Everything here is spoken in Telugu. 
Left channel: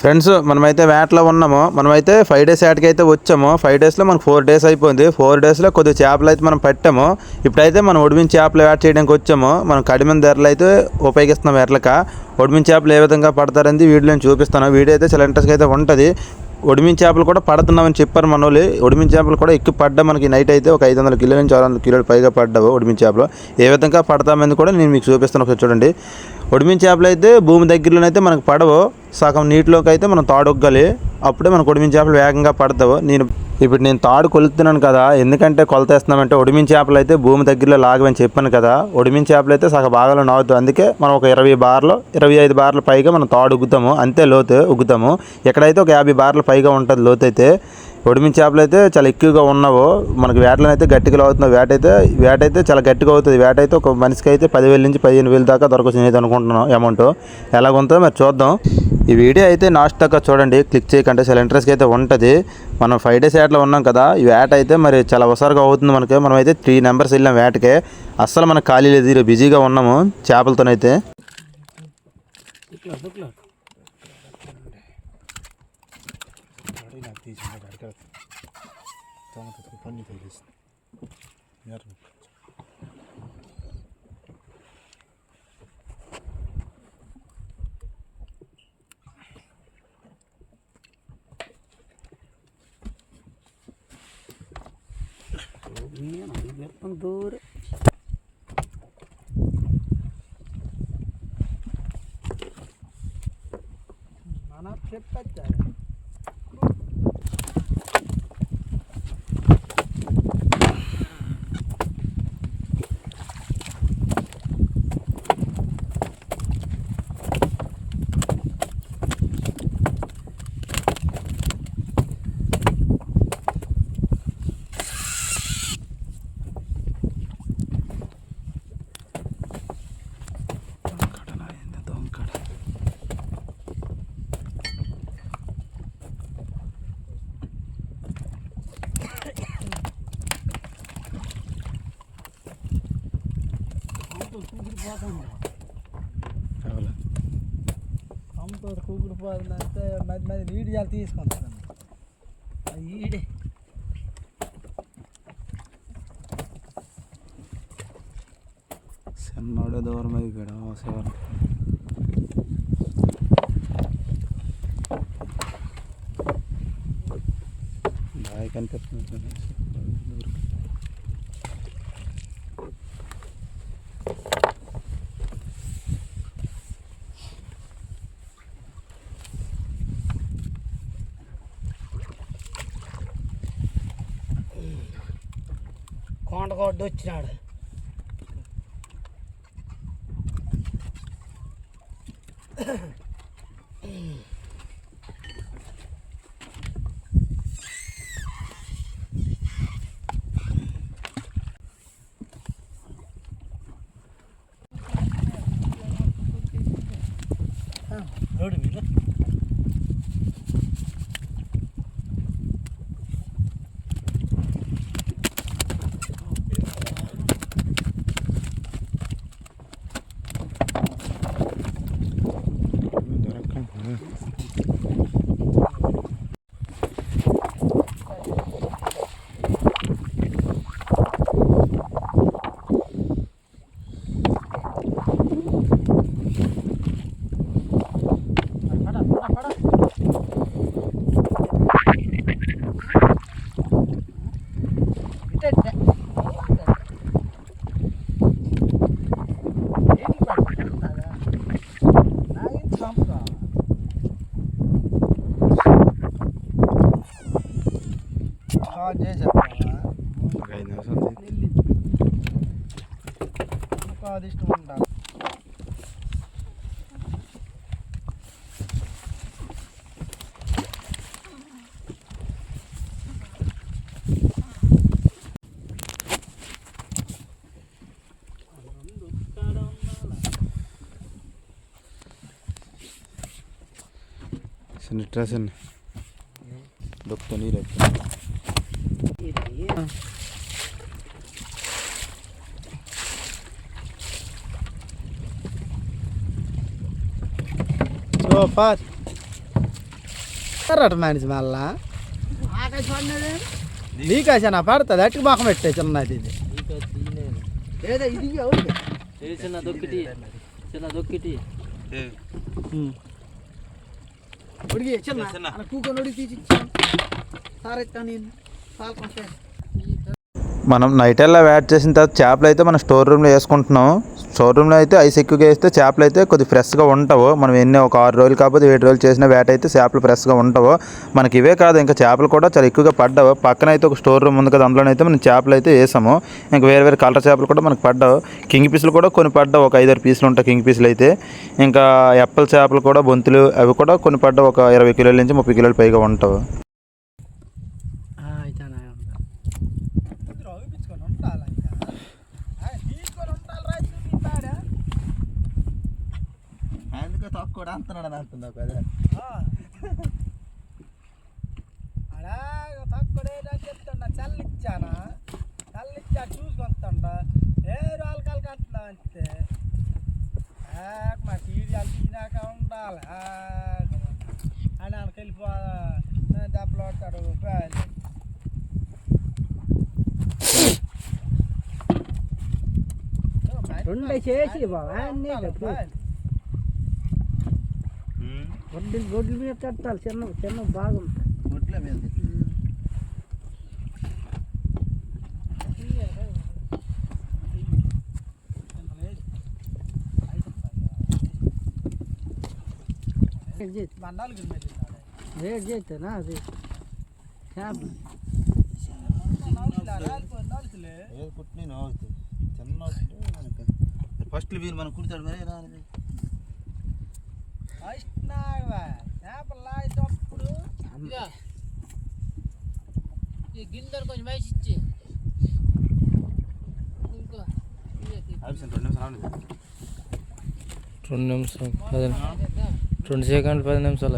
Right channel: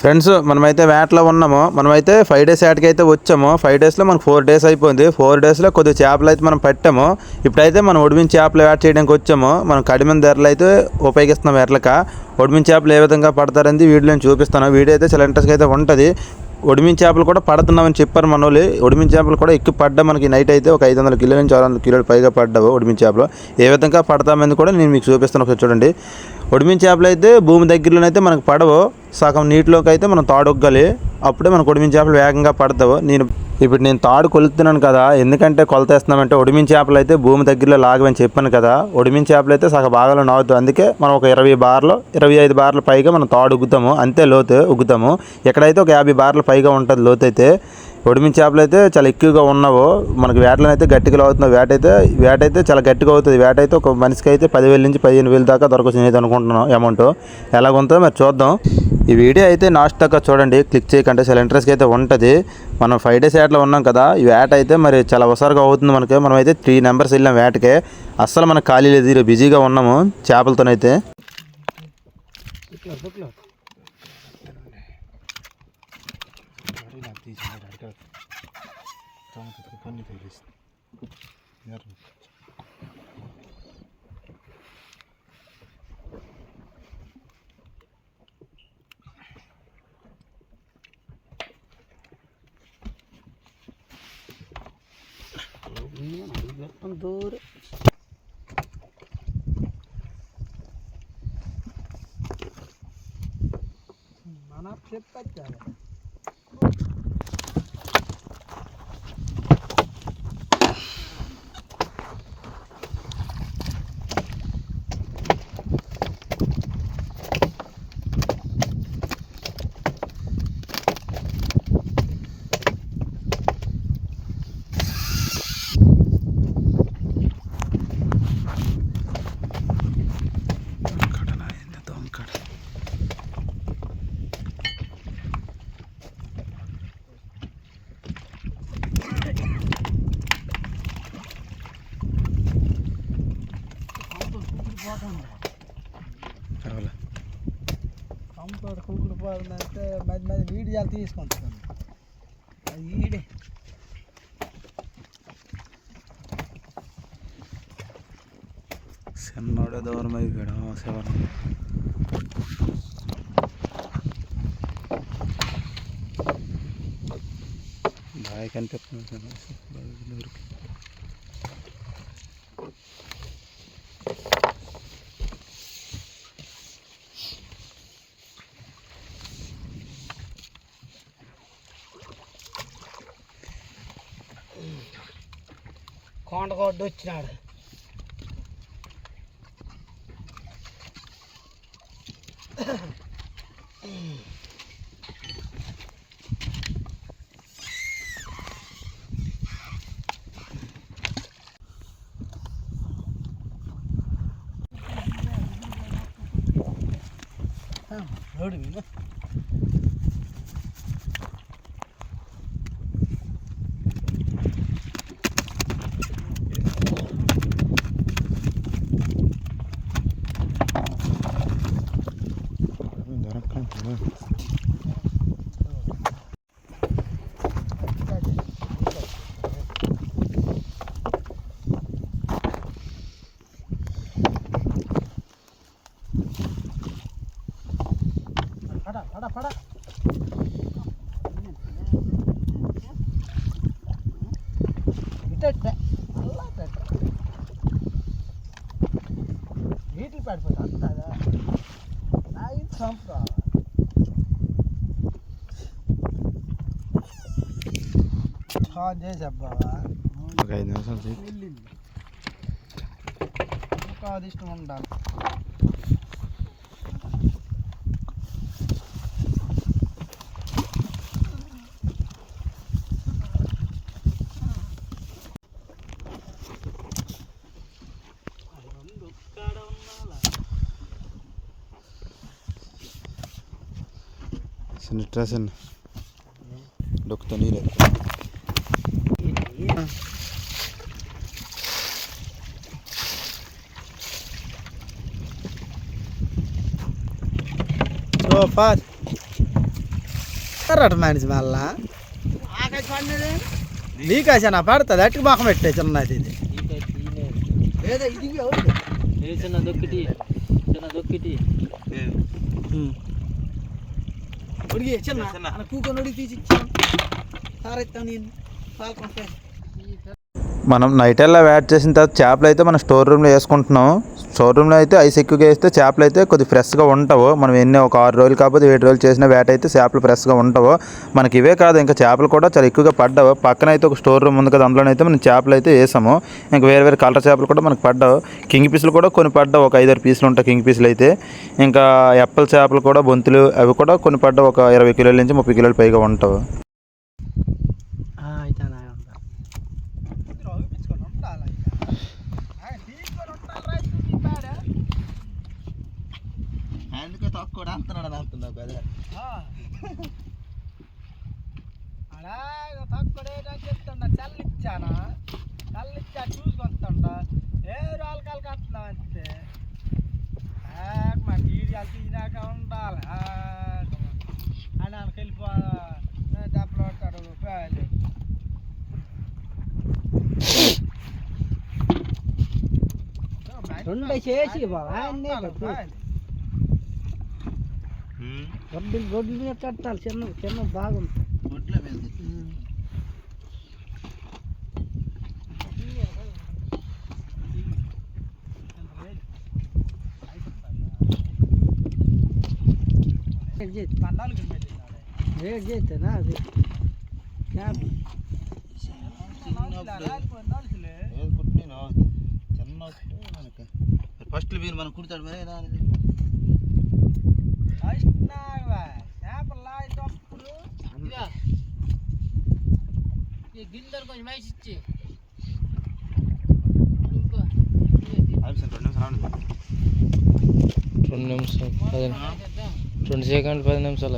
ఫ్రెండ్స్, మనమైతే వేటలో ఉన్నాము. మనమైతే 5 days వేటకి అయితే వచ్చాము. 5 daysలో మనకు 4 days అయిపోయింది. 4 daysలో కొద్దిగా చేపలు అయితే మనం పట్టాము. ఇప్పుడైతే మనం ఒడిమిన చేపలు వేట చేయడానికి వచ్చాము. మనం కడిమిన ధరలు అయితే ఉపయోగిస్తున్నాం వేటలక. ఒడిమిన చేపలు ఏ విధంగా పడతారని వీడియోలో చూపిస్తాను. వీడియో అయితే చాలా ఇంట్రెస్ట్గా అయితే ఉంటుంది. ఒడిమిన చేపలు కూడా పడుతున్నామని చెప్పారు మన వాళ్ళు. ఒడిమిన చేపలు కూడా ఎక్కువ పడ్డా మనకి నైట్ అయితే ఒక 500 కిలోల నుంచి 600 కిలోలు పైగా పడ్డావు ఒడిమిన చేపలు. ఏ విధంగా పడతామని కూడా నేను మీకు చూపిస్తాను. ఒకసారి చూడండి. ఒడిమిన చేపలు అయితే భూమి దగ్గరలోనైతే మనకు పడవు. సగం నీటిలోకి అయితే మనం తాడొగ్గాలి. అప్పుడే మనకు ఒడిమిన చేపలు వేగంగా పడతావు. నేను తాడు కొలుతున్నాను కదా. ఎందుకంటే కొలతేస్తున్నామంటే ఒడిమిన చేపలు అయితే భూమి దగ్గరలో లాగమని చెప్పాను కదా. ఒడిమిన చేపలు అయితే సగ భాగంలో నాగుతాం. అందుకే మనం ఒక 20 బార్లు 25 బార్ల పైగా మనం తాడు ఉగ్గుతాము. అంతే లోతు ఉగ్గుతాము. ఎక్కడైతే ఒక 50 బార్ల పైగా ఉంటుంది లోతు అయితే. ఒడిమిన చేపలు అయితే చాలా ఎక్కువగా ఉన్నావు. మనకు వేటలను అయితే గట్టిగా అవుతున్నావు. వేట అయితే చాలా గట్టిగా అవుతుంది. వేట అయితే ఒక మనిషికి అయితే 10,000 నుంచి 15,000 దాకా దొరకవచ్చు నేను అనుకుంటున్నాను. అమౌంట్ ఎలాగుంటుందో మరి చూద్దాం. ఈ వీడియో అయితే లాస్ట్ దాకా చూడండి. క్లిక్ చేయకంటే చాలా ఇంట్రెస్ట్గా అయితే ఉంటుంది. మనం 5 days వేటలో ఉన్నాం కదా. ఈ వేట అయితే మరి చాలా హుషారుగా అవుతుంది మనకి. మనం అయితే 3 members వెళ్ళాం వేటకే. అస్సలు మనకు ఖాళీ లేదు. బిజీగా ఉన్నాము చేపలతోనైతే. దూరం మన చెప్పారు. కంప కూకుడిపోతుందంటే మధ్య మధ్య వీడియోలు తీసుకుంటాను. అది ఈడే చిన్నోడే దూరం అయిపోయాడు. శివన్ బాగా కనిపిస్తుంది. కొండగొడ్డు వచ్చినాడు. రోడ్డు మీద ఒక 5 నిమిషాలు ఇష్టం ఉండాలి. డ్రెస్ డొక్తో నీరు సూపర్ కర్రట మనిషి మళ్ళా నీకాసా పడుతుంది అట్టుకు మొఖం పెట్టే చిన్నది ఇది లేదా ఇది చిన్న దొక్కిటి ఉడిగి చిన్న కూకొని ఉడికి తీసి ఇచ్చాను సారెత్తా నేను పాల్కొంటాను. మనం నైట్ ఎలా వేట్ చేసిన తర్వాత చేపలు అయితే మనం స్టోర్ రూమ్లో వేసుకుంటున్నాం. స్టోర్ రూమ్లో అయితే ఐస్ ఎక్కువగా వేస్తే చేపలు అయితే కొద్దిగా ఫ్రెష్గా ఉంటావు. మనం ఎన్ని ఒక 6 రోజులు కాకపోతే 7 రోజులు చేసిన వేట అయితే చేపలు ఫ్రెష్గా ఉంటావు. మనకి ఇవే కాదు ఇంకా చేపలు కూడా చాలా ఎక్కువగా పడ్డావు. పక్కన అయితే ఒక స్టోర్ రూమ్ ఉంది కదా, అందులోనైతే మనం చేపలు అయితే వేసాము. ఇంకా వేరే వేరే కలర్ చేపలు కూడా మనకు పడ్డావు. కింగ్ పీసులు కూడా కొన్ని పడ్డావు, ఒక 5-6 పీసులు ఉంటాయి కింగ్ పీసులు అయితే. ఇంకా ఎప్పల చేపలు కూడా బొంతులు అవి కూడా కొన్ని పడ్డావు, ఒక 20 కిలోల నుంచి 30 కిలోలు పైగా ఉంటావు. అందుకే తక్కువ అంటున్నాడు అంటున్నావు కదా అలాగే తక్కువ చెప్తుండ చల్లిచ్చానా చల్లిచ్చా చూసుకొస్తుండ ఏ రాళ్ళకాలకి అంటున్నావు అంతే మాకు ఈడియాలు తినాక ఉండాలి అని వాళ్ళకి వెళ్ళిపో దెబ్బలు పడతాడు రెండు చేసి గొడ్ల మీద కట్టాలి చిన్న చిన్న భాగం గొడ్ల మీద వేడి చేస్తానా అది ఫస్ట్ మీరు మనం కుడతాడు మరి చేపలు లాగేటప్పుడు గిన్నెలు కొంచెం వేసి ఇచ్చి 2 నిమిషాలు 10 నిమిషాలు 10 నిమిషాలు